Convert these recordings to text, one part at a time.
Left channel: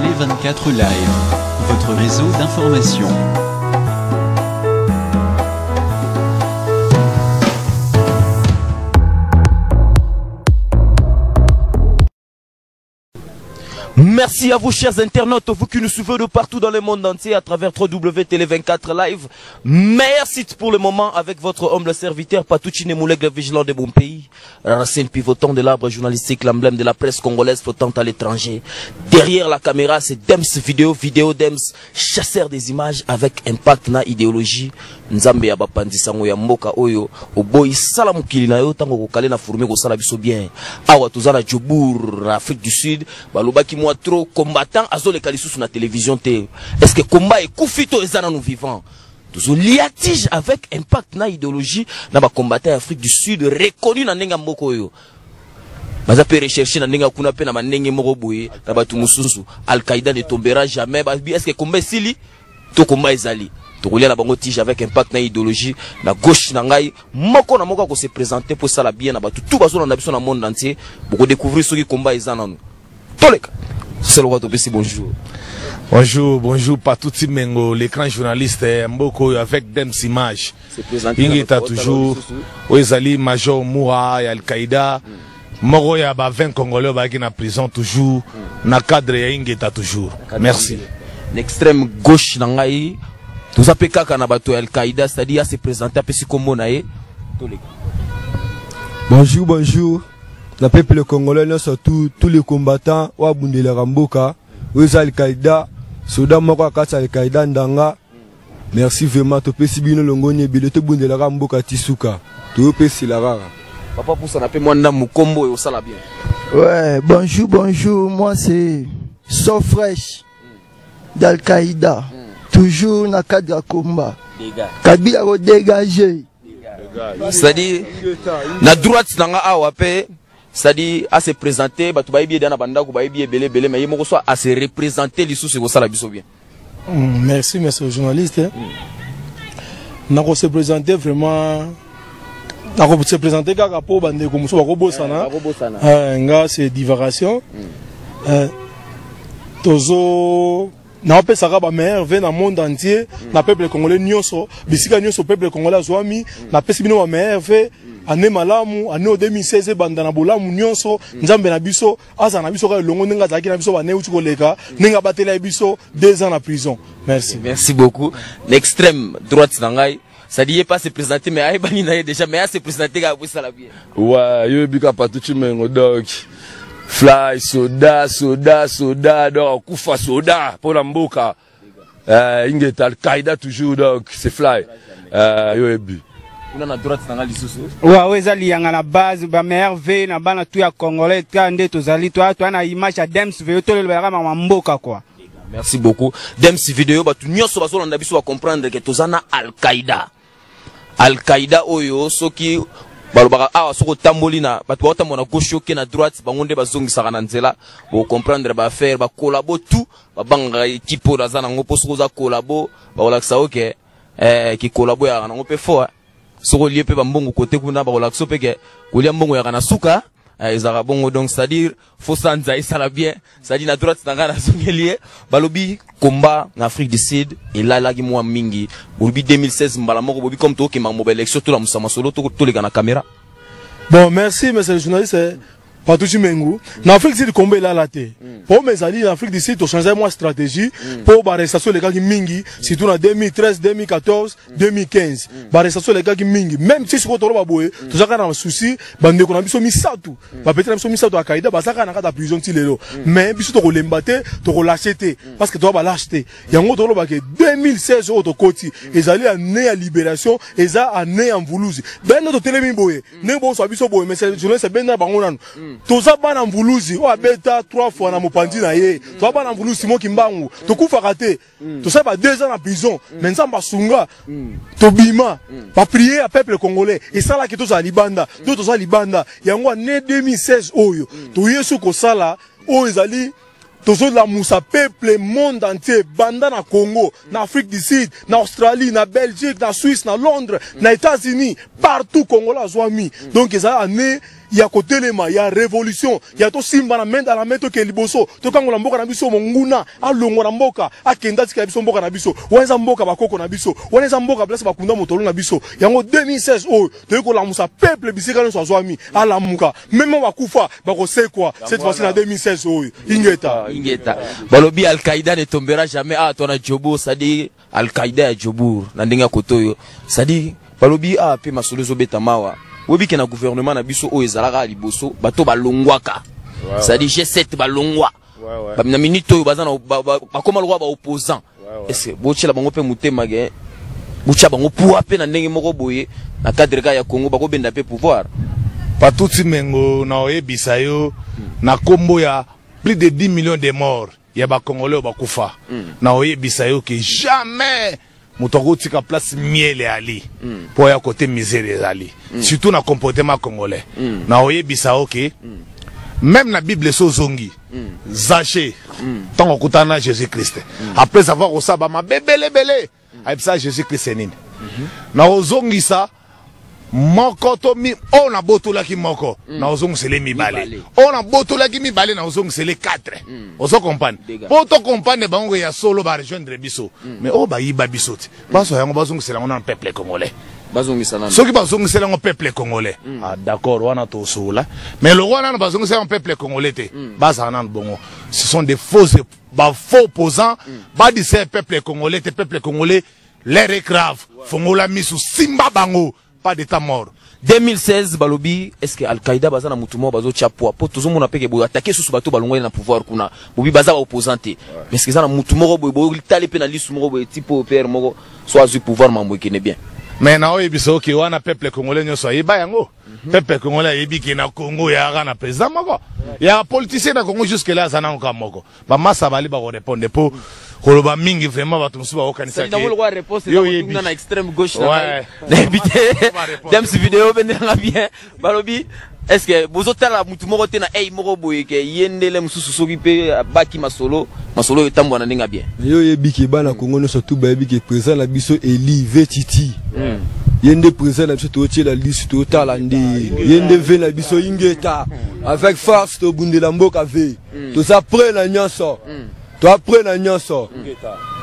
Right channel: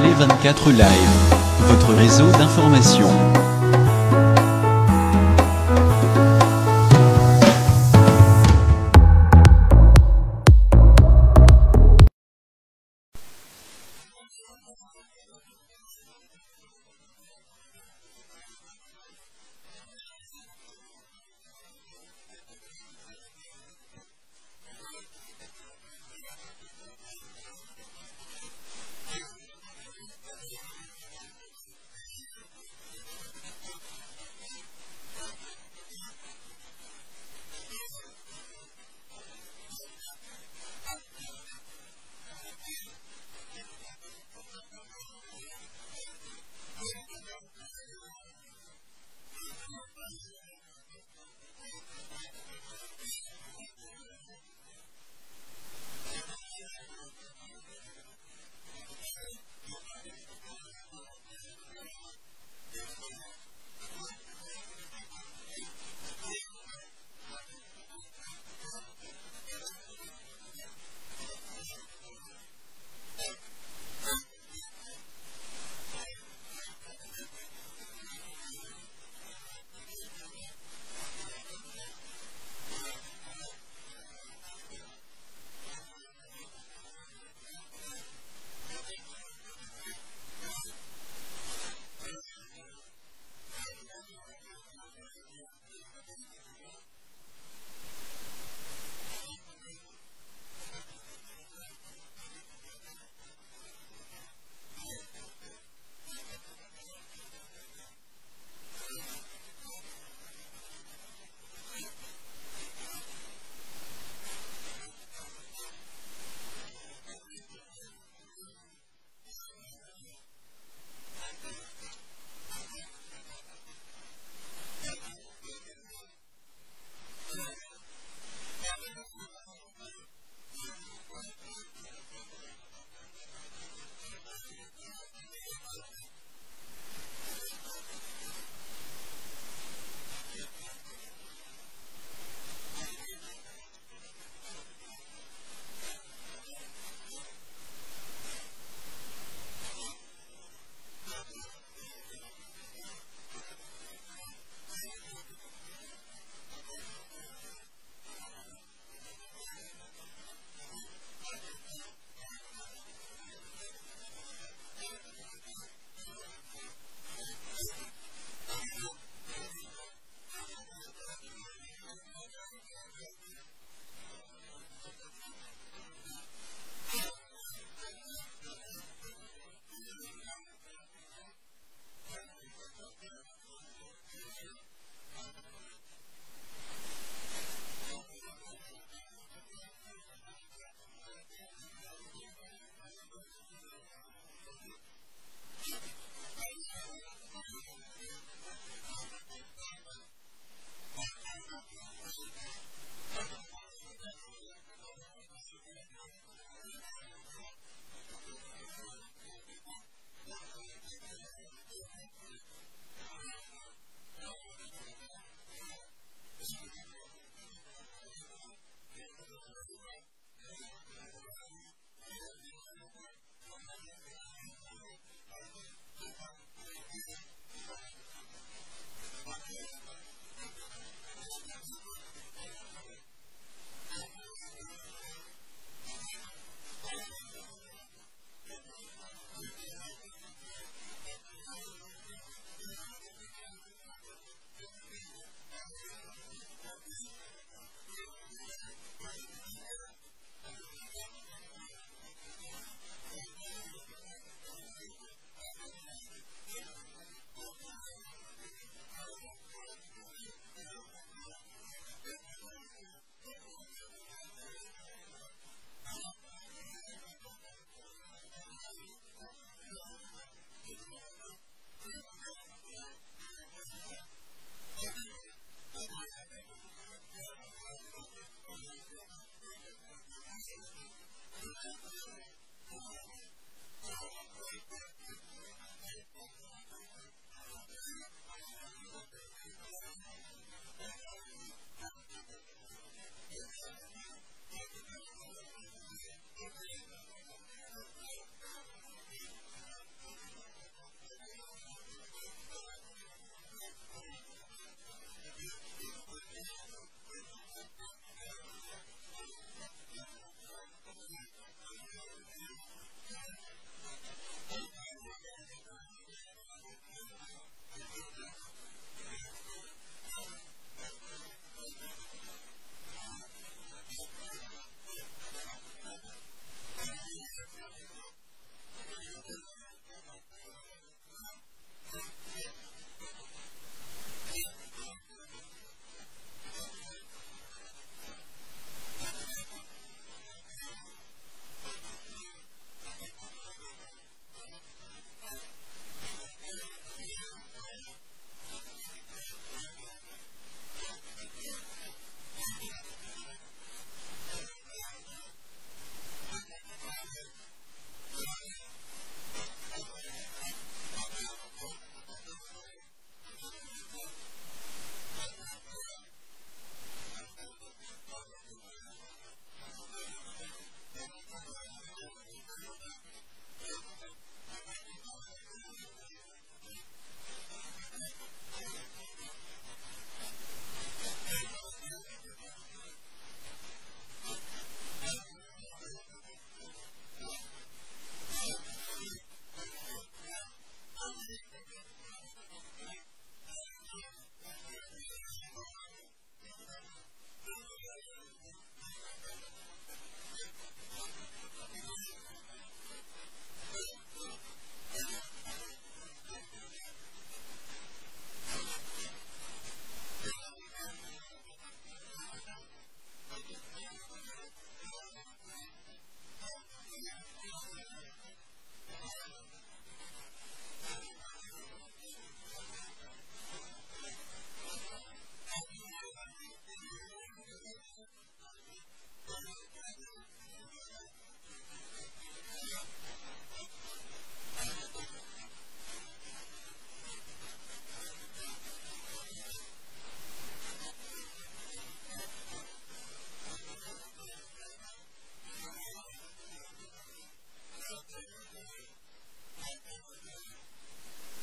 Télé 24 Live, votre réseau d'information. Merci à vous chers internautes, vous qui nous suivez de partout dans le monde entier à travers www.télé24 Live. Meilleur site pour le moment avec votre humble serviteur Patouchi Nemouleg, le vigilant de mon pays. Racine pivotant de l'arbre journalistique, l'emblème de la presse congolaise flottant à l'étranger. Derrière la caméra, c'est Dems Vidéo Dems, chasseur des images avec impact na idéologie. Nzambe ya bapandisango ya mboka oyo oboyi sala mukili na yo tango kokale na fourmi ko sala biso bien. Awa tozana Djobour na Afrique du Sud, balobaki moi trop combattant azoleka lisusu na télévision te. Est-ce que combat et kufito ezana nous vivants? Toujours liatige avec impact na idéologie na ba combattant Afrique du Sud reconnu na nenga mboko oyo. Baza pe rechercher na nenga kuna pe na manenge moko boye na batu mususu. Al-Qaïda ne tombera jamais. Est-ce que combat sili to combat ezali? Tokolia la bango tige avec impact na idéologie na gauche na ngai moko na moko ko se présenter pour ça la bien na batu tout bazo na biso na monde entier pour découvrir ce qui combat ezana nous. Toleka. C'est le roi de Bessi, bonjour. Bonjour, Patouti Mengo, l'écran journaliste Mboko avec Dems Image. Il est toujours, Oezali, Major Moura, Al-Qaïda, Moro ya ba 20 Congolais qui na prison toujours, na cadre ya ingeta toujours. Merci. L'extrême gauche nangai, tout appelé kaka na bato Al-Qaïda, c'est-à-dire se présenter à Pessi Kombo nae. Bonjour. Le peuple congolais, surtout tous les combattants, Wabundela Ramboka, Oeza Al-Qaïda, Soda Moko Kata Al-Qaïda Ndanga. Merci vraiment, tu peux si bien l'ongone, bilote Bundela Ramboka Tisuka. Tu peux si la rara. Papa pour ça, n'appelle moi Mukombo et au sala bien. Ouais, bonjour, moi c'est So Fresh d'Al-Qaïda. Toujours dans le cadre de combat. Kabila a dégagé. C'est-à-dire, la droite n'a pas c'est-à-dire à se présenter, bah tu vas bien dans la bande, tu vas bien belé, mais il faut à se représenter les sous, c'est ça la biso bien. Merci, monsieur journaliste. Nous allons se présenter vraiment. Nous allons se présenter car pour bande comme ça, c'est divagation. Tozo. Na pe saka ba merve na monde entier, na peuple congolais nyonso, bisika nyonso peuple congolais azwami, na pesi bino ba merve. Année malamu, année 2016, bandana bolamu nyonso, nzambe na biso, aza na biso ka longo nenga zaki na biso ba ne uti koleka, nenga batela biso 2 ans en prison. Merci. Merci beaucoup. L'extrême droite nangai, ça dit pas se présenter mais ay bani na déjà mais à se présenter ka ça la bien. Ouais, yo bika Patouchi Mengo donc. Fly soda donc kufa soda pour la mboka. Ingeta Al-Qaïda toujours donc c'est Fly. Yo ebi. Ouais, ezali yanga na base ba merve na bana tu ya congolais tande tozali to na image ya Dems Vidéo to le ba mboka quoi. Merci beaucoup. Dems Vidéo ba tu nyonso bazo na biso va comprendre que tozana Al-Qaïda. Al-Qaïda oyo soki balobaka awa soko tamboli na bato ba tamona gauche ke na droite bangonde bazongisa na nzela bo comprendre ba faire ba collabo tout ba banga équipe za na ngopo soko za collabo ba olaksa OK ki collabo ya na ngope fo soko lié pe bambongo côté kuna ba olakso pe ke kolia mbongo ya kana suka ezaka bongo donc c'est-à-dire faut sanza et ça la bien c'est-à-dire na droite na zongelier balobi combat en Afrique du Sud et là qui moi mingi bolobi 2016 mbala moko bobi comme to ke mambo élection to la musama solo to les na caméra. Bon, merci monsieur le journaliste. Patouchi Mengo. En Afrique du Sud, combat là la terre. Pour mes alliés en Afrique du Sud, on change moi stratégie pour l'arrestation les gars qui mingi, surtout en 2013, 2014, 2015. L'arrestation les gars qui mingi. Même si c'est pour baboué, tout ça quand on a un souci, bande qu'on a mis misatou. Peut-être qu'on a mis misatou à Kaïda, bah ça quand on a prison tilero. Mais puis tu l'embaté, tu l'acheté parce que tu vas l'acheter. Il y a un autre bah que 2016 autre côté, ils allaient à né à libération, ils à né en Voulouzi. Ben notre télémi boé, né bon soit biso boé, mais c'est journaliste ben na bangonan. Toza bana mvuluzi o abeta 3 fois na mopandi na ye toza bana mvuluzi mo kimbangu tokufa raté toza ba 2 ans en prison mais nzamba sunga tobima ba prier à peuple congolais et ça là que toza libanda toza libanda yango né 2016 oyo to yesu ko sala o ezali tozo la musa peuple monde entier banda na Congo na Afrique du Sud na Australie na Belgique na Suisse na Londres na États-Unis partout congolais azwami donc ça année il y a côté les il y a révolution, il y a tout simba na main dans la main to ke liboso, to kango la mboka na biso monguna, a longo na mboka, a kenda tika biso mboka na biso, wanza mboka bakoko na biso, wanza mboka place bakunda motolo na biso. Yango 2016 oh, to ko la musa peuple bisika no swami, a la muka, même bakufa bako c'est quoi cette fois-ci en 2016 oh, ingeta. Balobi Al-Qaïda ne tombera jamais à ton Djobo, ça dit Al-Qaïda à Djobo, na ndenga kotoyo, ça dit balobi a pe masolo zo betamawa. Webi ke na gouvernement na biso o ezalaka liboso bato balongwaka ça dit G7 balongwa ba na minute oyo bazana ba koma lwa ba opposant est-ce bochela bango pe mutema ge bocha bango pour pe na ndenge moko boye na cadre ka ya Congo bako benda pe pouvoir Patuti Mengo na oyebisa yo na kombo ya plus de 10 millions de morts ya ba Congolais ba kufa na oyebisa yo que jamais Moutoko tika place miel ali pour ya côté misère ali surtout na comportement congolais na oye bisao ke même la Bible so zongi Zaché tant okutana Jésus Christ après avoir osaba ma bebele bele aipsa Jésus Christ nini na ozongi ça moko to mi on a botola ki moko na ozongi sele mi balé on a botola ki mi balé na ozongi sele 4 ozo comprendre pour to comprendre bango ya solo ba rejoindre biso mais o ba yiba biso ti baso yango bazongi sele ngona peuple congolais bazongi sala soki bazongi sele ngo peuple congolais ah d'accord wana to sola mais le wana na bazongi sele ngo peuple congolais te baza na bongo ce sont des faux opposants ba di c'est peuple congolais te peuple congolais l'air est grave fongola misu simba bango pas d'état mort 2016 balobi est-ce que Al-Qaïda bazana mutumo bazo chapwa po tozomo na peke bo attaquer sous bato balongwe na pouvoir kuna bobi baza ba opposante mais est-ce que ça na mutumo bo tali pe na lisu mo bo tipo père mo soit du pouvoir mambo kene bien mais na oyebiso ki wana peuple congolais nyoso yeba yango peuple congolais yebi ki na Congo ya na président moko ya politicien na Congo jusque là zana nka moko ba massa bali ba répondre po koloba mingi vraiment bato musuba okanisa ke yo na extrême gauche na dem si vidéo benela bien balobi est-ce que bozotala mutu moko te na moko boye ke yendele mususu soki pe baki masolo etambwa na ndinga bien yo yebiki bana Congo no surtout ba yebiki président la biso Eli Vetiti yende président la biso to tiela liste to tala ndi yende ve na biso ingeta avec force to bundela mboka ve to ça prend la nyonso to après na nyonso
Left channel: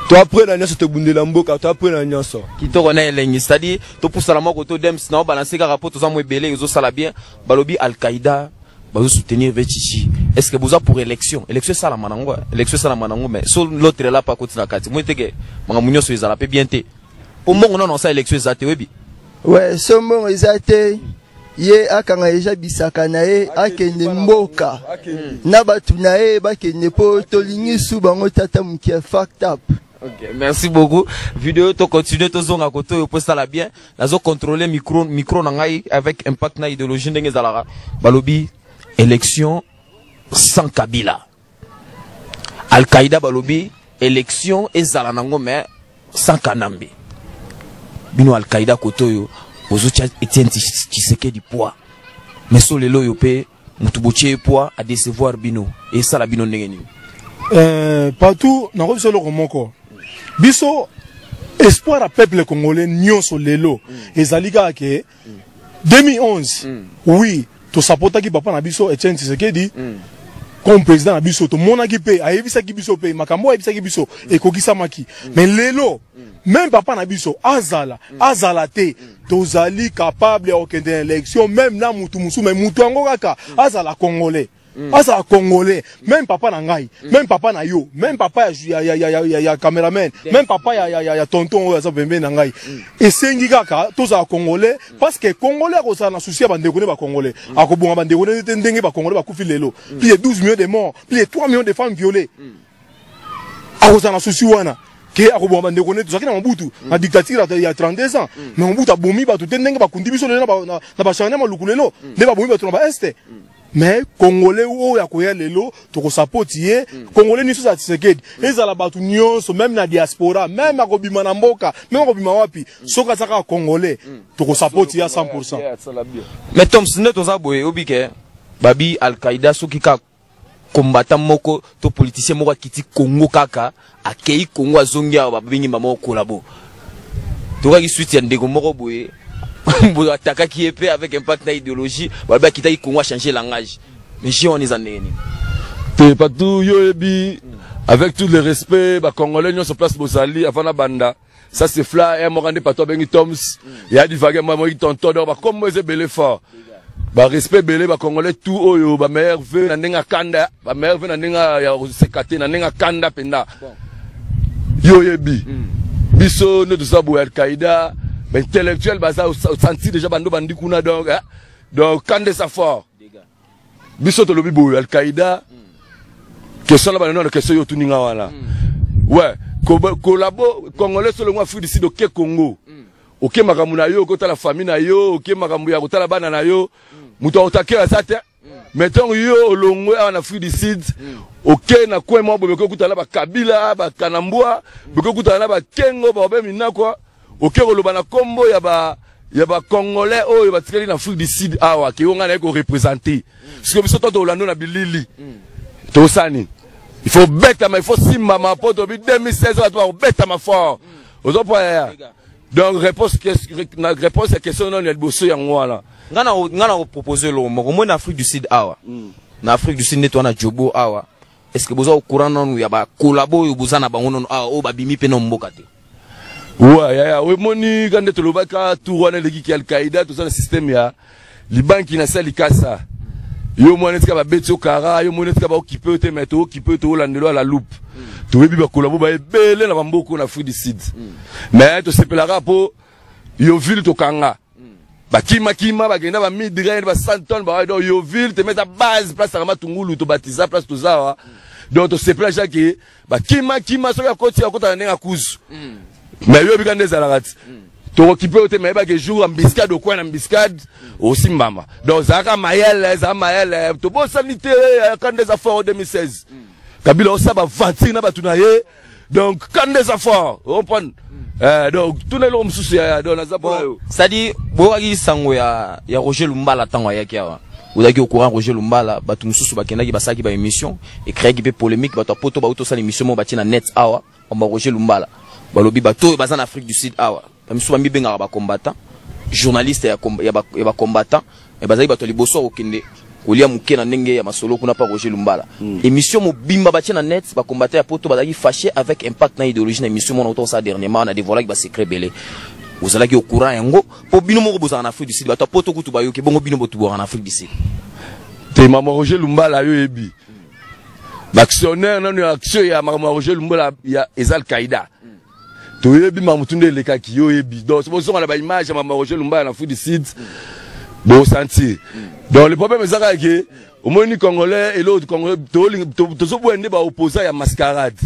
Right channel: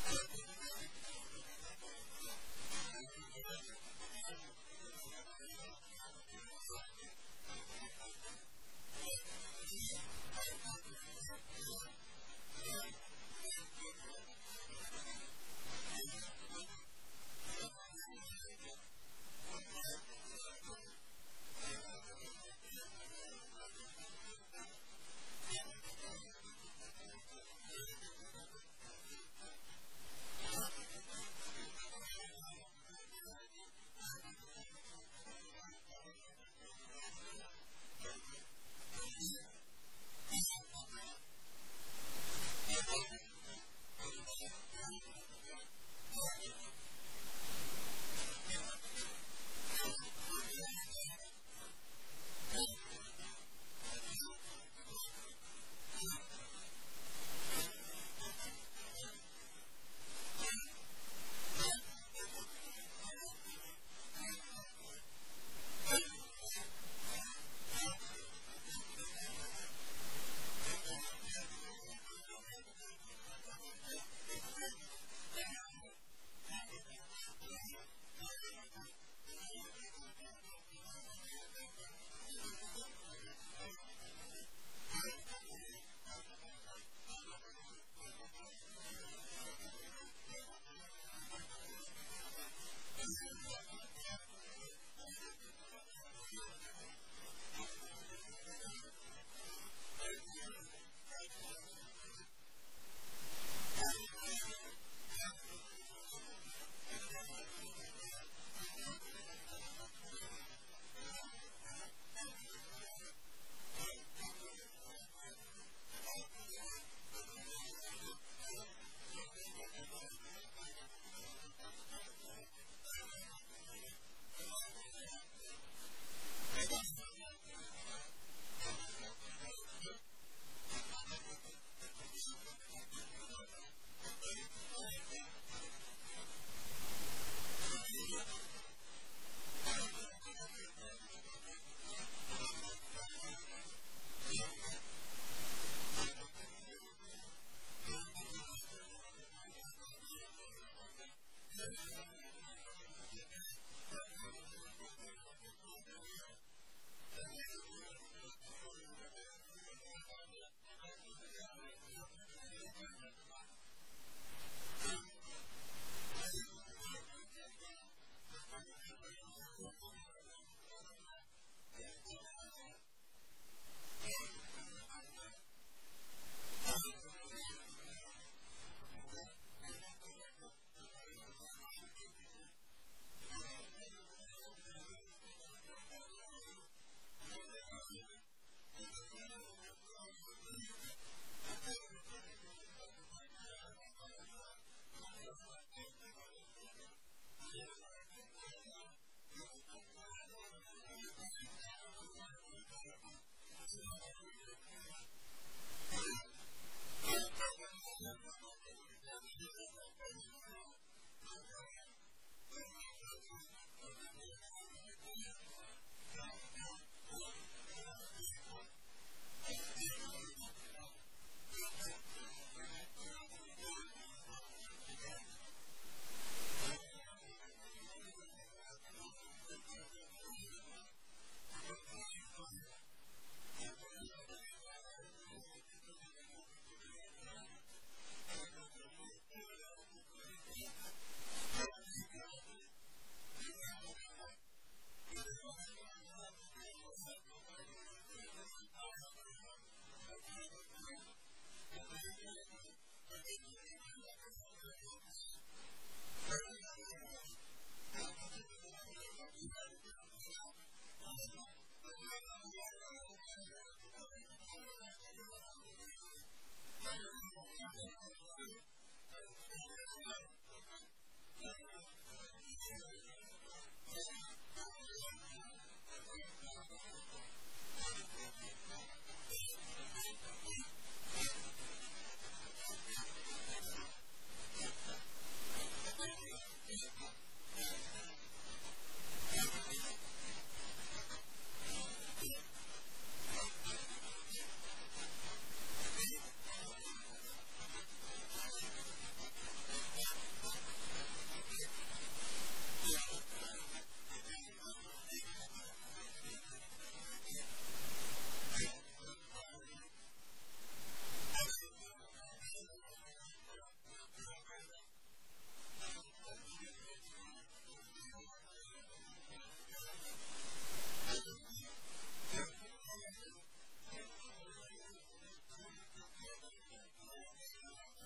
to après na nyonso to bundela mboka to après na nyonso kitoko na elengi c'est-à-dire to poussa la moko to dem na balancer ka rapport to za mo ebele ezo sala bien balobi Al-Qaïda bazo soutenir Vetiti est-ce que boza pour élection sala manango mais so l'autre là pas côté na kati mo teke manga munyo so ezala pe bien te au mongo non ça élection ezate webi ouais so mongo ezate ye akanga eja bisaka na ye akende mboka na batu na ye bakende po tolingi su bango tata mukia fucked up. Ok, merci beaucoup. Vidéo to continuer to zonga koto yo posta la bien. Nazo contrôler micro na ngai avec impact na idéologie ndenge zalara. Balobi élection sans Kabila. Al-Qaïda balobi élection ezala nango mais sans Kanambe. Bino Al-Qaïda koto yo ozocha Etienne Tshisekedi poids mais so lelo yo pe mutuboche poids à décevoir bino et ça la bino ndenge ni partout na ko solo komoko biso espoir à peuple congolais nyonso lelo ezalika ke 2011 oui to sapota ki papa na biso Etienne Tshisekedi comme président na biso to monaki pe ayebisa ki biso pe makambo ayebisa ki biso ekokisa maki mais lelo même papa na biso azala te tozali capable ya okende élection même na mutu musu mais mutu ango kaka azala congolais même papa na ngai même papa na yo même papa ya cameraman même papa ya tonton oyo aza pembe na ngai esengi kaka tozala congolais parce que congolais akozala na souci ya bandeko ne ba congolais akobonga bandeko ne te ndenge ba congolais bakufi lelo plus de 12 millions de morts plus de 3 millions de femmes violées akozala na souci wana ke akobomba ndeko ne tozaki na Mobutu na dictature ya 32 ans mais Mobutu abomi bato te ndenge bakundi biso lelo na bachanganya maluku lelo nde babomi bato na ba este mais congolais oyo akoya lelo toko support ye congolais niso za Tshisekedi ezala bato nyonso même na diaspora même akobima na mboka même akobima wapi soka saka congolais toko support ye à 100%. Mais Tom Sine toza boye obike babi Al-Qaïda soki ka combattant moko to politicien moko kiti Congo kaka akei Congo azongi ba bingi mama kolabo to ka ki suite ya ndeko moko boye attaquer qui est avec impact idéologie balba qui taille Congo changer langage mais si on est en neni te partout yo ebi avec tout le respect ba congolais ñoo sur place bozali avant la banda ça c'est fla et mo rende pas toi bengi toms il y a du vague moi tonton ba comme moi c'est belé fort ba respect belé ba congolais tout oyo ba meilleur veu na ndinga kanda ba meilleur veu na ndinga ya sekate na ndinga kanda penda yo ebi biso ne tout ça bo Al-Qaïda mais intellectuel baza senti déjà bando bandi kuna donc kande ça fort biso to lobi bo Al-Qaïda question là non question yo tuninga wala ouais collabo congolais solo moi Afrique du Sud OK Congo OK makambu na yo kota la famille na yo OK makambu ya kota la bana na yo muto otakela ça te mettons yo olongwe en Afrique du Sud OK na kwa mo bobe ko kutala ba Kabila ba Kanambwa boko kutala ba Kengo ba obe mina kwa OK koloba na kombo ya ba congolais oyo ba tikeli na Afrique du Sud awa ki onga na ko représenter parce que biso to Orlando na bilili to sani il faut bêta mais il faut simba ma poto bi 2016 on doit bêta ma fort aux opéra donc réponse à question non el bosso ya ngwana ngana proposer lo mo na Afrique du Sud awa na Afrique du Sud neto na jobo awa est-ce que bozo au courant non ya ba collabo yo bozana bango non awa o ba bimi pe no mboka te ouais ya we moni quand tu lobaka tout wana leki ki Al-Qaïda tout ça le système ya libanki na sali kasa yo moni tika ba betio kara yo moni tika ba occuper te meto occuper to landelo à la loupe to webi ba collabo ba ebele na bamboko na Afrique du Sud mais to sepelara po yo ville to kanga ba kima ba genda ba midrange ba 100 tonnes ba do yo ville te mettre base place à Matungulu to batiza place to zawa donc to sepelara que ba kima so ya koti ya kota na kuzu mais yo bikande zalarati to occuper te mais ba que jour en biscade au coin en biscade aussi mbama donc zaka mayele to bo sanité quand des affaires en 2016 Kabila osa ba vantir na batuna ye donc quand des affaires on prend donc tout les hommes souci donc na zapo ça dit boaki sango ya Roger Lumbala tango ya kiawa Oudaki au courant Roger Lumbala batu mususu bakendaki basaki ba émission et créer qui polémique batu poto ba auto sa émission mo bati na net awa on ba Roger Lumbala balobi bato bazana Afrique du Sud awa bamisu ba mibenga ba combattant journaliste ya ba combattant et bazali bato liboso okende kolia muke na ndenge ya masolo kuna pa Roger Lumbala émission mo bimba bati na net ba combattant ya poto bazali fâché avec impact na idéologie na émission mon auto ça dernièrement on a dévoilé ba secret belé vous allez au courant yango po bino mo bozana en Afrique du Sud bato poto kutu bayoke bongo bino botu en Afrique du Sud te mama Roger Lumbala yo ebi l'actionnaire non action ya mama Roger Lumbala ya Al-Qaïda to yebi mamutunde leka ki yo ebi donc c'est pour ça on a ba image ya mama Roger Lumbala na Afrique du Sud bon sentir donc le problème c'est que au moins ni congolais et l'autre congolais to so boende ba opposant ya mascarade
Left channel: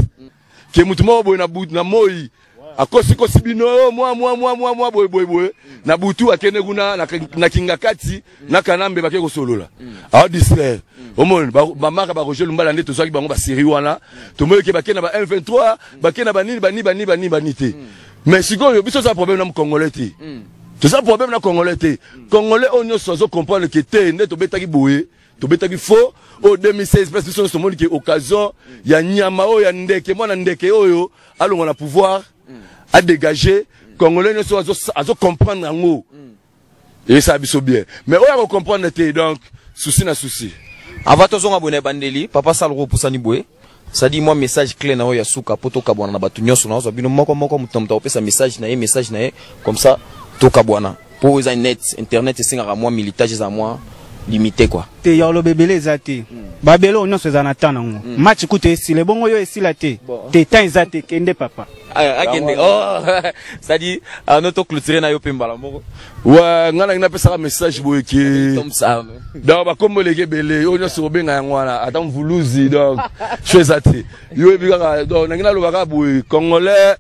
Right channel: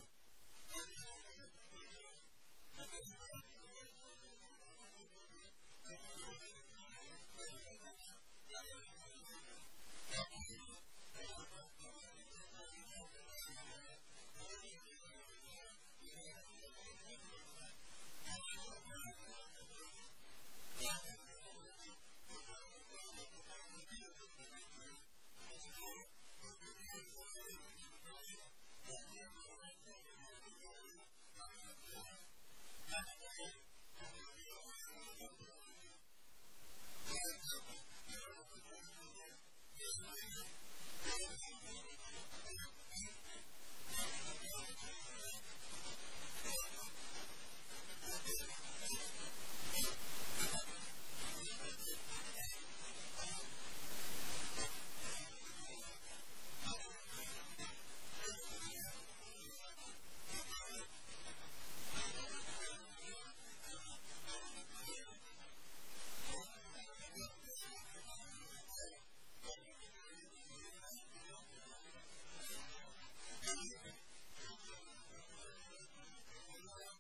que mutumo bo na but na moi akosi bino moi boy na butu akene guna na kingakati na kanambe bakeko solola a distraire au monde ba maka ba Roger Lumbala ndeto so ki bango ba série wana to moyo ke bakena ba M23 bakena ba nini te mais sikoyo biso ça problème na congolais te tout ça problème na congolais te congolais onyo sozo comprendre que te ndeto betaki boye to betaki faux au 2016 parce que ce monde qui occasion ya nyama o ya ndeke mwana ndeke oyo alongo na pouvoir à dégager congolais ne sont à comprendre en haut et ça biso bien mais on va comprendre donc souci na souci avant to zonga bonne bandeli papa salro pusani boye ça dit moi message clé na ya suka poto kabwana na batu nyoso na zo bino moko mutamta opesa message na comme ça to kabwana pour les net internet singa moi militage za moi limité quoi te ya lo bebele zati babelo nyonso za natana ngo match kute esile bongo yo esila te te temps zati kende papa akende oh ça dit notre clôturer na yo pembala moko ouais ngana ngina pesa message boye ki donc ba kombo leke bele yo nyonso benga yangwana ata mvuluzi donc chezati yo ebika donc ngina lo baka boye congolais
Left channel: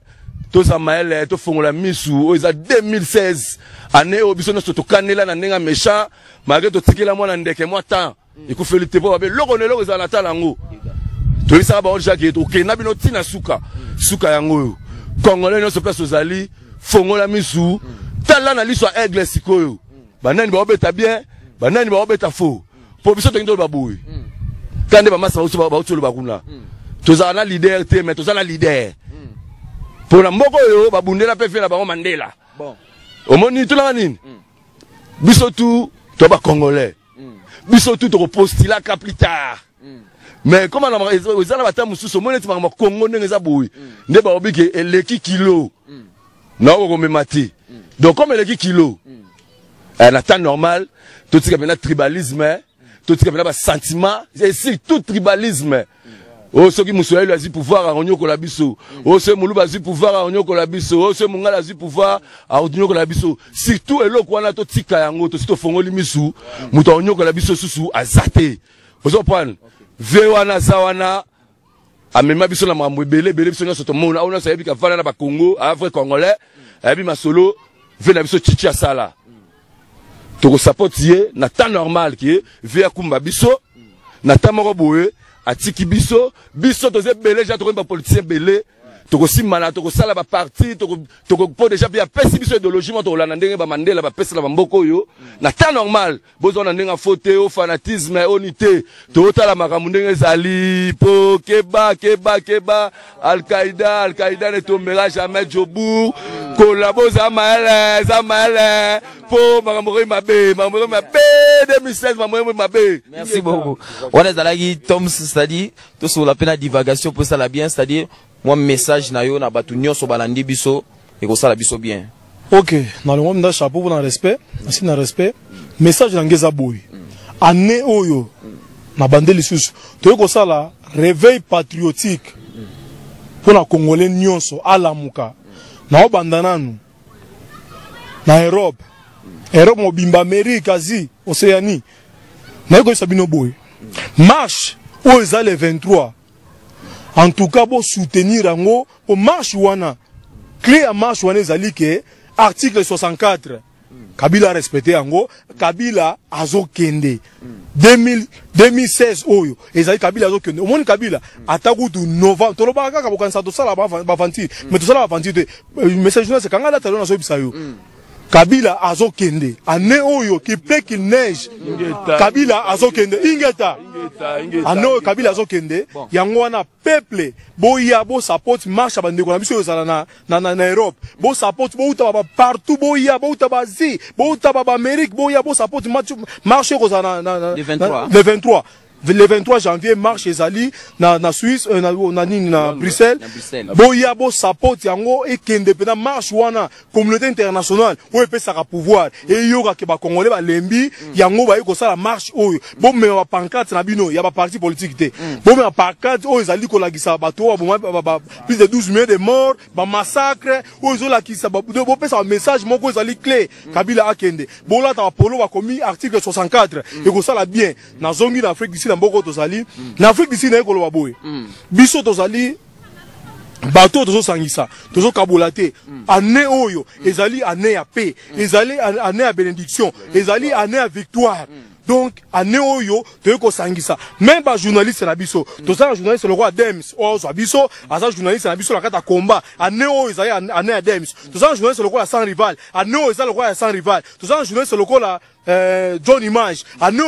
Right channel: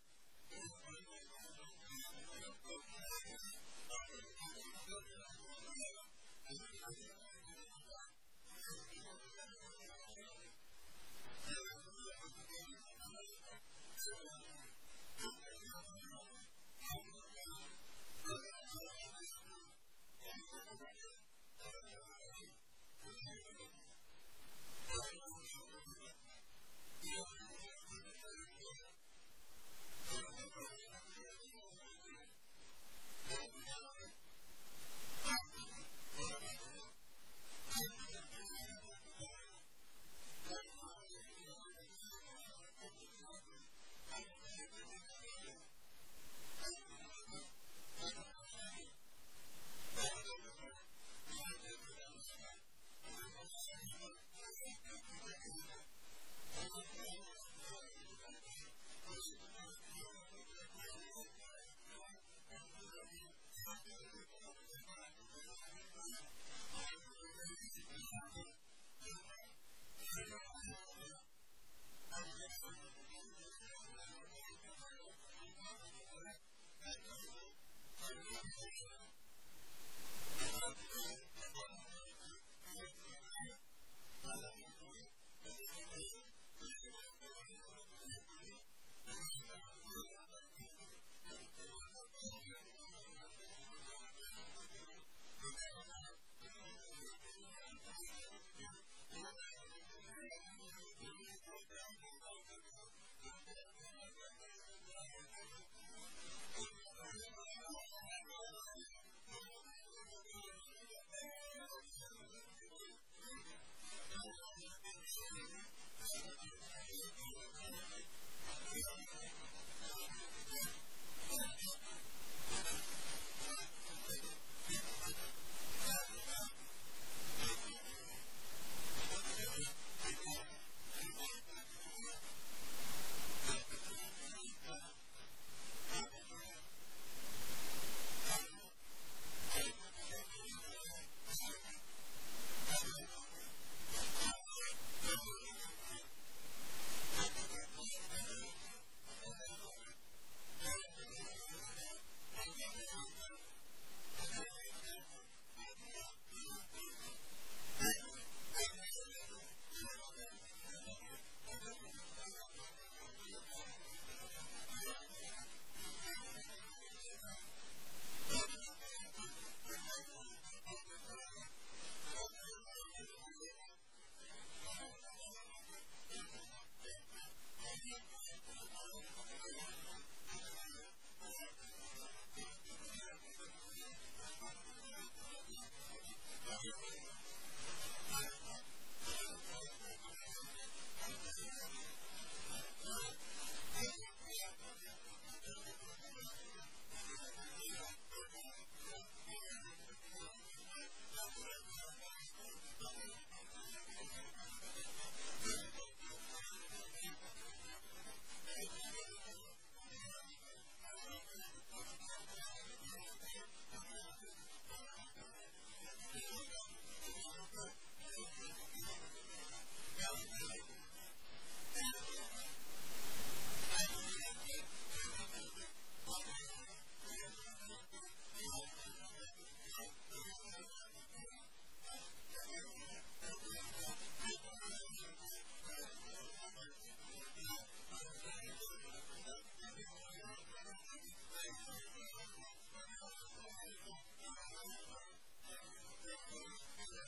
to sa maele to fongola misu o za 2016 année au biso nyonso to kanela na ndenga méchant malgré to tikela mwana ndeke moi temps ikufélité po babe loko za natala ngo to isa ba onja ke to kena bino tina suka yango congolais nyonso place ozali fongola misu tala na liso aigle sikoyo banani ba obeta bien banani ba obeta faux po biso to ndo ba boy kande ba masa ba utolo ba kuna to za na leader te mais to za na leader pour la mboko yo ba bundela pe fe na ba Mandela bon omoni to la nini biso tout to ba congolais biso tout to postila ka plus tard mais comment on ezala bata mususu moneti ma Congo ndenge za boui nde ba obike eleki kilo na ko memati donc comme eleki kilo en temps normal tout ce qui est tribalisme tout ce qui est sentiment c'est ici tout tribalisme. Oh, ceux qui m'ont eu pouvoir à Onyo Kolabiso. Oh, ceux qui m'ont eu pouvoir à Onyo Kolabiso. Oh, ceux qui m'ont eu pouvoir à Onyo Kolabiso. Surtout, et là, quand on a tout tika yango, tout ce fongo limisu, mouton Onyo Kolabiso sous à zate. Vous comprenez? Vewana zawana. A même biso na mamwe belé biso na soto mona. On a sabi ka fana na ba Congo, à vrai congolais. Et puis ma solo, vena biso chichi asala. Toko sapotier, na temps normal qui est, vea kumba biso, na temps moro boé. Atiki biso toze belé ja toko ba politicien belé toko simana toko sala ba parti toko po déjà bien pesi biso idéologie mo to la ndenge ba Mandela ba pesi la mboko yo na temps normal bozo na ndenge faute au fanatisme unité to tala makambo ndenge zali po keba Al-Qaïda ne tombera jamais Djobour collabo za maele po makambo mabe 2016 mabe. Merci beaucoup. On est dans la Toms, c'est-à-dire tout sur la peine de divagation pour ça la bien, c'est-à-dire moi message na yo na batunyo so balandi biso et ko ça la biso bien. OK, dans le monde d'un chapeau pour le respect, ainsi dans respect, message na ngeza boy. Ane oyo na bandeli susu. To ko ça la réveil patriotique pour la Congolais nyonso alamuka. Na obandananu na Europe mobimba Amérique, Asie, Océanie. Na ko sabino boy. Marche au le 23. En tout cas, pour soutenir Ango, au marche wana. Clé à marche wana zali ke article 64. Kabila respecté Ango, Kabila azo kende. 2016 oyo ezali Kabila azo kende. Omoni Kabila ataku du novembre. Tolo ba kaka bokanisa to sala ba vanti. Mais to sala ba vanti te. Message journal c'est kanga la talona so bisayo. Kabila azo kende. Ane oyo qui pleut qu'il neige. Kabila azo kende. Ingeta. Ane oyo Kabila azo kende. Yango wana peuple boya bo support marche bandeko na biso yo sala na Europe. Bo support bo uta partout boya bo uta bazi. Bo uta ba Amérique boya bo support marche ko sala na le 23. Le 23 janvier, marche ezali na Suisse, na Bruxelles. Boya bo support yango et qu'indépendant marche wana communauté internationale où peut ça pouvoir et yoga ke ba congolais ba lembi yango ba yeko ça la marche oyo. Bon mais ba pancarte na bino, ya ba parti politique té. Bon mais pancarte oyo ezali ko la gisa bato plus de 12 millions de morts, ba massacre oyo la kisa ba bo peut ça message moko ezali clé Kabila akende. Bon là ta polo ba commis article 64 et ko ça la bien na zongi d'Afrique d'ici Mboko tozali na Afrique d'ici na ekolo baboye biso tozali bato tozo sangisa tozo kabulate année oyo ezali année ya paix ezali année ya bénédiction ezali année ya victoire. Donc année oyo toyeko sangisa même ba journaliste na biso tozala journaliste le roi Dems ozo biso aza journaliste na biso la kata combat année oyo ezali année ya Dems tozala journaliste le roi sans rival année oyo ezali le roi sans rival tozala journaliste le roi John Image année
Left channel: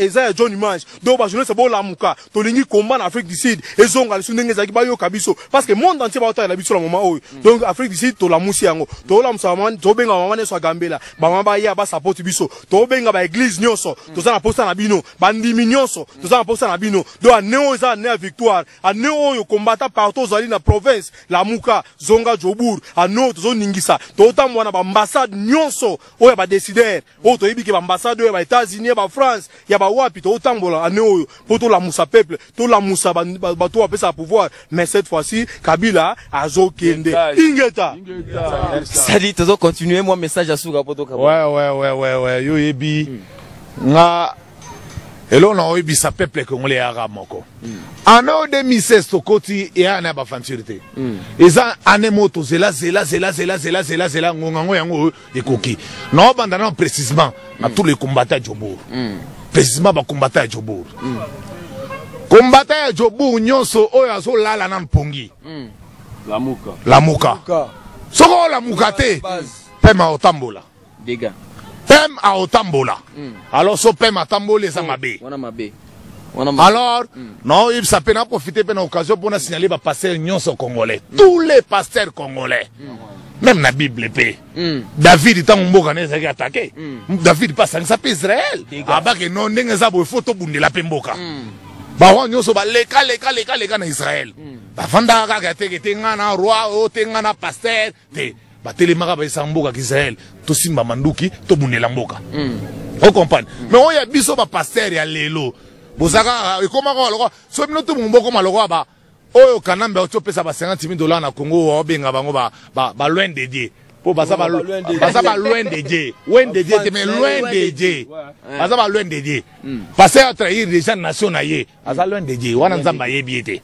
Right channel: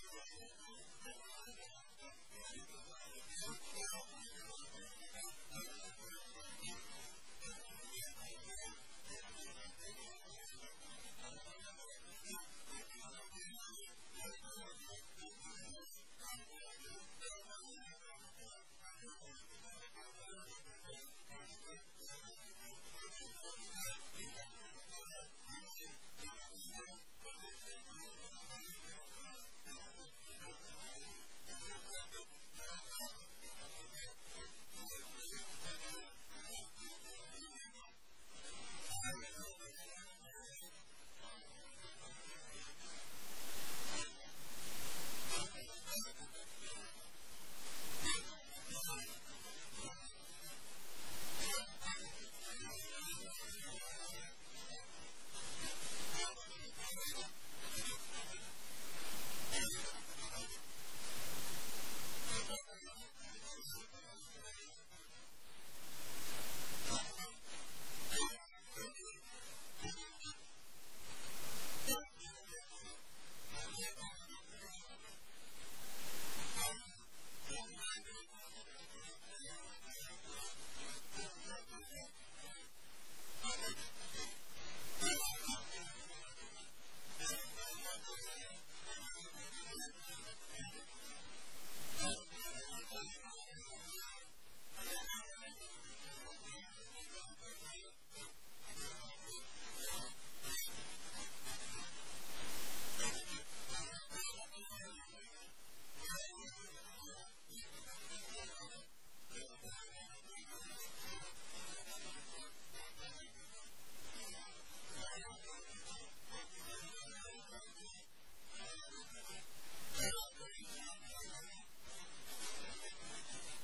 ezali John Image donc ba journaliste bo lamuka tolingi combat en Afrique du Sud ezonga lisu ndenge ezaki ba yo kabiso parce que monde entier ba otala biso la moment oyo donc Afrique du Sud to la musi yango to la musamani to benga mama ne so gambela ba mama ba ya ba support biso to benga ba église nyonso to na posta na bino bandimi nyonso toza na posta na bino do aneo eza na victoire aneo oyo combattant partout zali na province la muka zonga Djobour aneo tozo ningisa to tamwa na ba ambassade nyonso oyo ba décider oyo to yebiki ba ambassade oyo ba États-Unis ba France ya ba wapi to tambola aneo oyo poto la musa peuple to la musa ba to apesa pouvoir mais cette fois-ci Kabila azo kende ingeta ça dit tozo continuer moi message à Souga poto Kabila ouais yo yebi nga elo na oyebisa peuple congolais ara moko en 2016 tokoti ya na ba fantirité eza ane moto zela ngongango yango ekoki na bandana précisément à tous les combattants Djobour précisément ba combattants Djobour combattants Djobour nyonso oyo azo lala na mpongi la muka soko la muka te pema otambola dégâts Pem a otambola. Alors so pem a tambolé ça mabé. Alors non il ça peut en profiter pour l'occasion pour signaler les pasteurs nyonso congolais. Tous les pasteurs congolais. même na Bible pe David tant mboka na ezaki attaqué David pas sangisa pe Israël abake non ndenge za bo photo bundela pe mboka ba wa nyoso ba leka na Israël ba fanda kaka teke tenga na roi o tenga na pasteur te ba telemaka ba isamboka ki Israël to simba manduki to bundela mboka o comprendre mais on ya biso ba pasteur ya lelo bozaka ekoma ko loko so bino to mboko maloko ba oyo kanambe otopesa ba $50 na Congo obenga bango ba loin de Dieu po basa ba loin de Dieu loin de Dieu mais loin de Dieu basa ba loin de Dieu passer à trahir les gens nation na ye asa loin de Dieu wana nzamba ye biete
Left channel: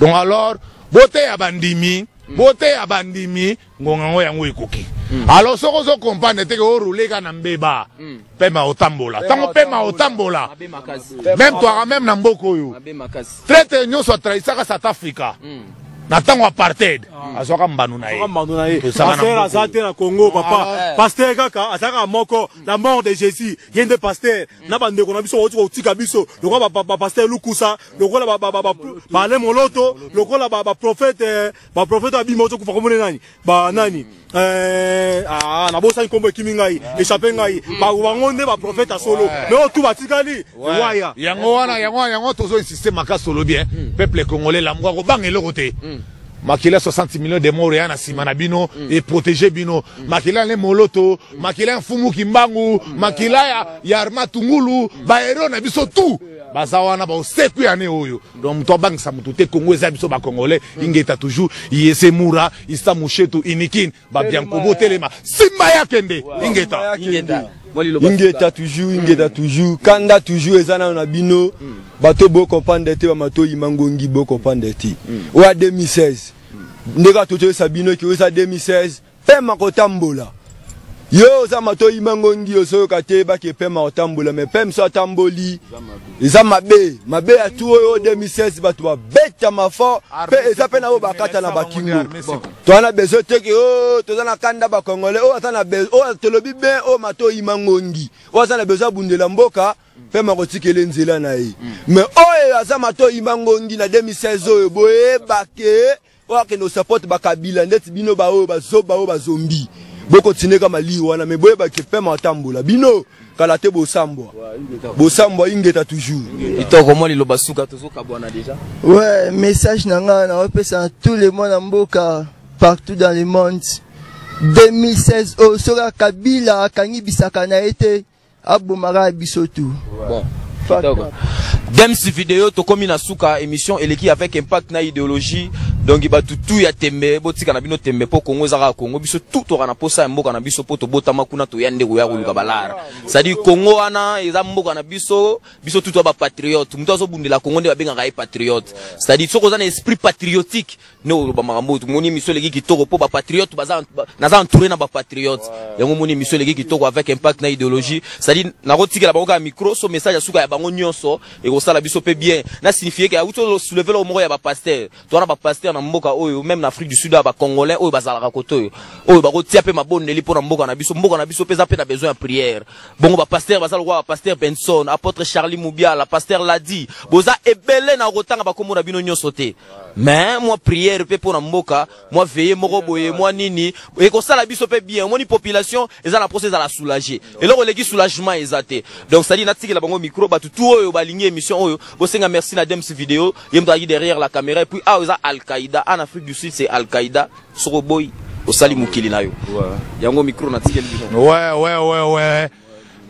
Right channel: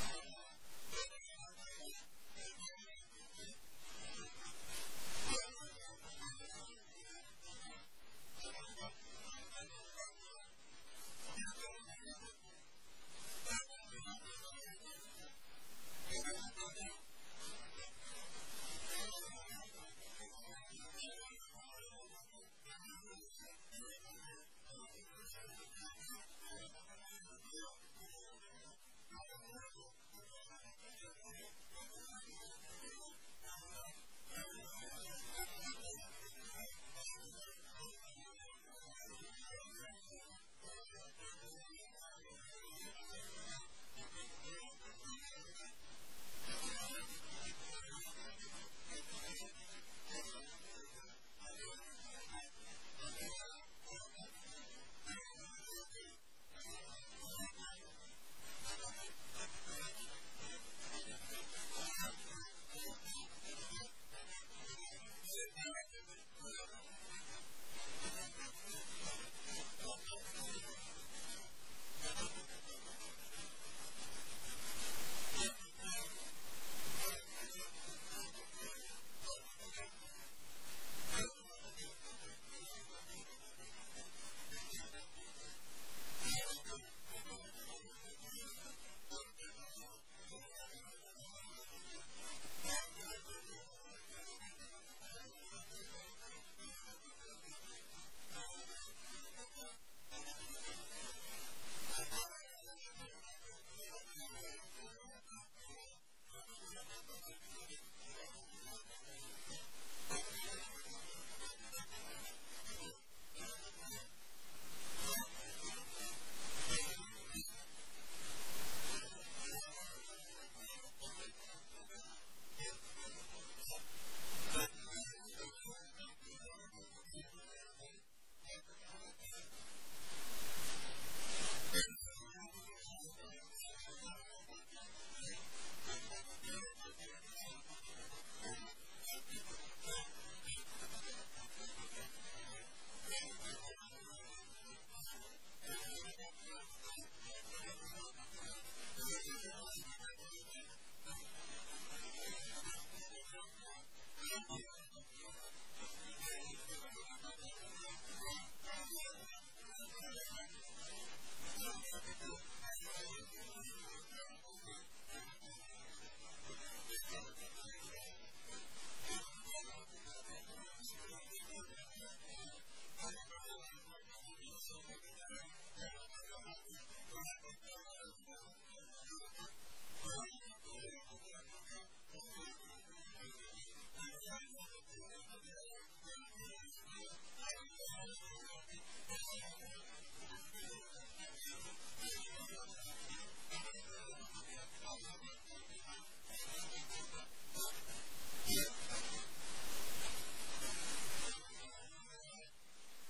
donc alors bote ya bandimi ngonga ngo yango ekoki alors soko zo comprendre te ko rouler kana mbeba pema otambola tango pema otambola même toi même na mboko yo traite nyoso trahissaka South Africa na tango apartheid azoka mbanu na ye pasteur azate na Congo papa pasteur kaka azaka moko la mort de Jésus yende pasteur na bande ko na biso otika otika biso lokola ba pasteur Lukusa lokola ba le moloto lokola ba prophète abimoto kufa komone nani ba nani na bosa nkombo kimingai échappé ngai ba wangonde ba prophète solo mais tout batikali waya yango tozo insister makasi solo bien peuple congolais la mwa ko bangelo kote makila 60 millions de morts yana simana bino et protéger bino makila le moloto makila mfumu kimbangu makila ya armatungulu ba hero na biso tout bazawana ba oseku yane oyo donc mto bangisa mutu te Congo eza biso ba congolais ingeta toujours yese mura isa mushetu inikin ba biankobo telema simba ya kende ingeta toujours kanda toujours ezana na bino bato bo comprendre te ba mato imangongi bo comprendre te o 2016 ndeka toto sabino ki o 2016 pema kotambola yo za mato imangongi oso kate ba ke pema otambola mais pem so tamboli eza mabe ya tout o 2016 bato ba beta mafo pe eza pe na o bakata na bakingo to ana bezo te ke o to za na kanda ba congolais o ata na bezo o telobi ben o mato imangongi o ata na bezo bundela mboka pe makotikele nzela na ye mais o aza mato imangongi na 2016 oyo boye bake o ke no support bakabila ndeti bino ba o bazombi boko tineka mali wana me boye bake pe matambola bino kala te bosambwa ingeta toujours itoko mo liloba suka tozoka bwana déjà ouais message nanga na opesa tout le monde en mboka partout dans le monde 2016 o soka kabila kangi bisaka na ete abomara biso tout bon Dems vidéo tokomi na suka émission eleki avec impact na idéologie donc ba tout ya tembe botika na bino tembe po Congo zaka Congo biso tout to kana posa mboka na biso po to botama kuna to yande ko ya kuluka balara c'est-à-dire Congo wana eza mboka na biso tout ba patriote muto azo bundela Congo nde babenga ka patriote c'est-à-dire soko za na esprit patriotique no ba makambo to moni miso leki kitoko po ba patriote baza naza entouré na ba patriote yango moni miso leki kitoko avec impact na idéologie c'est-à-dire na kotikela bango ka micro so message suka ya bango nyonso et ko sala biso pe bien na signifier que auto soulever le moko ya ba pasteur to na ba pasteur na mboka oyo même na Afrique du Sud ba congolais oyo bazalaka koto oyo ba kotia pe maboneli po na mboka na biso peza pe na besoin de prière bongo ba pasteur bazala kwa pasteur Benson apôtre Charlie Moubiala la pasteur Ladi boza ebele na rotanga ba komona bino nyonso te mais moi prière pe po na mboka moi veiller moko boye moi nini et ko sala biso pe bien moni population eza na procès à la soulager et là releki soulagement ezate donc ça dit na tikela bango micro ba tout oyo ba ligne émission oyo bosenga merci na Dems vidéo yemdagi derrière la caméra et puis eza Al-Qaïda en Afrique du Sud c'est Al-Qaïda soroboy osali mukili nayo yango micro na tikela ouais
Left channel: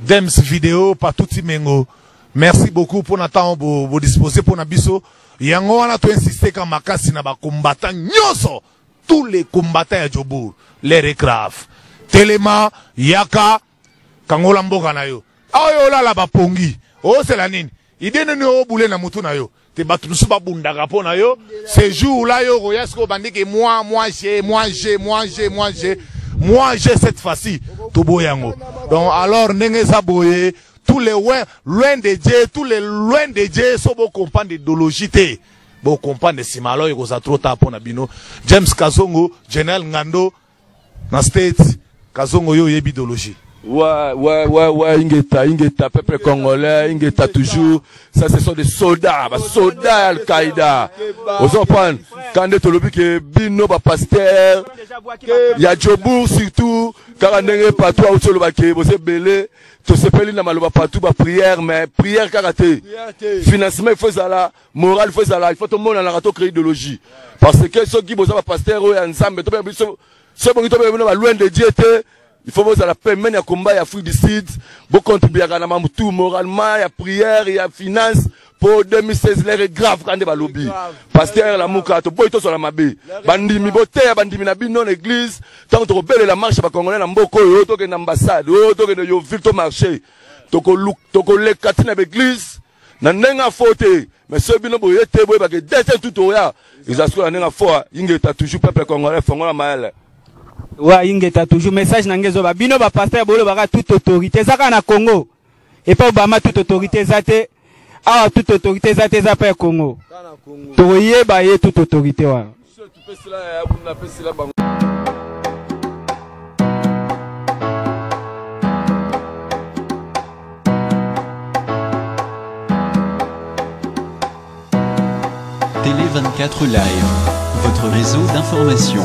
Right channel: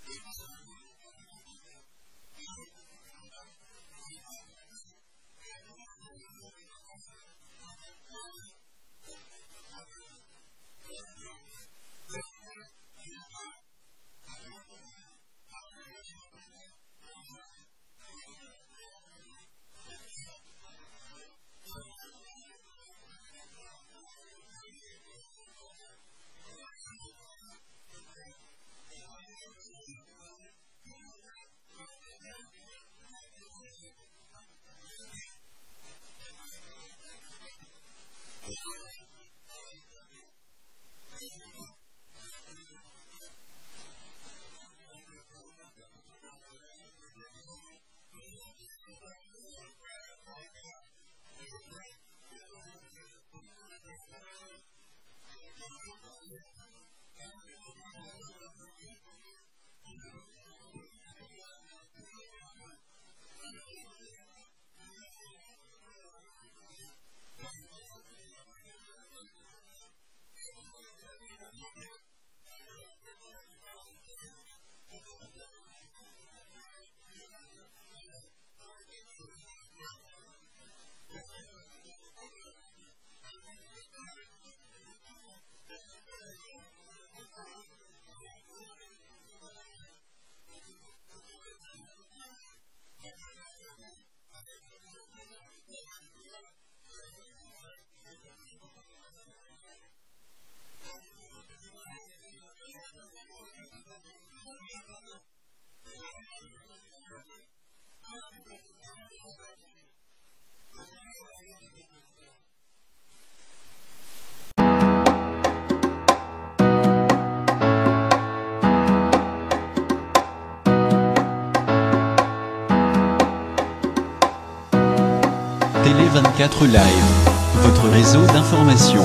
Dems vidéo pas tout mengo merci beaucoup pour notre temps vous disposer pour na biso yango wana to insister ka makasi na ba combattants nyoso tous les combattants ya Jobour les recraves Telema Yaka kangola mboka na yo ayo la ba pongi o c'est la nini idene ni o boule na mutu na yo te batu nusu ba bundaka po na yo ce jour là yo royasko bandike moi j'ai cette fois-ci to boyango donc alors ndenge za boye tous les loin de Dieu tous les loin de Dieu so bo comprendre d'idéologie te bo comprendre simalo yo za trop tard pona bino James Kazongo General Ngando na state Kazongo yo yebi idéologie Ouais, Ingeta, peuple congolais, Ingeta toujours. Ça, ce sont des soldats, soldats Al-Qaïda. Vous comprenez? Quand on dit que Bino, pasteur, il y a Djobour surtout, quand on est partout, vous avez belé, tout se fait dans partout, prière, mais prière karaté. Financement, il faut ça, moral, il faut ça, il faut tout le monde en créer idéologie. Parce que ceux qui ont pasteur, ensemble, ceux qui sont loin de Dieu, il faut que la paix, il y a combat, il y a fruit du site, vous contribuez à tout moralement, il y a prière, il y a finance. Pour 2016, l'air est grave quand il y a lobby. Pasteur, la mouka, tu peux sur la mabé. Bandimi boté, bandimi nabi non église. Tant que tu rebelles la marche, congolais, na mboko, tu es l'ambassade, tu es le ville, tu marché. Tu es le katine avec l'église. Nanenga faute. Mais ceux qui ont été, parce que dès tout au ya, ils assurent la foi. Il y a toujours peuple congolais, fongola maël. Ouais, ingeta toujours message nangezo ba bino ba pasteur bolo baka toute autorité zaka na Congo et pas Obama toute autorité zate ah toute autorité zate za pa Congo toye ba ye toute autorité wa Télé 24 Live, votre réseau d'information.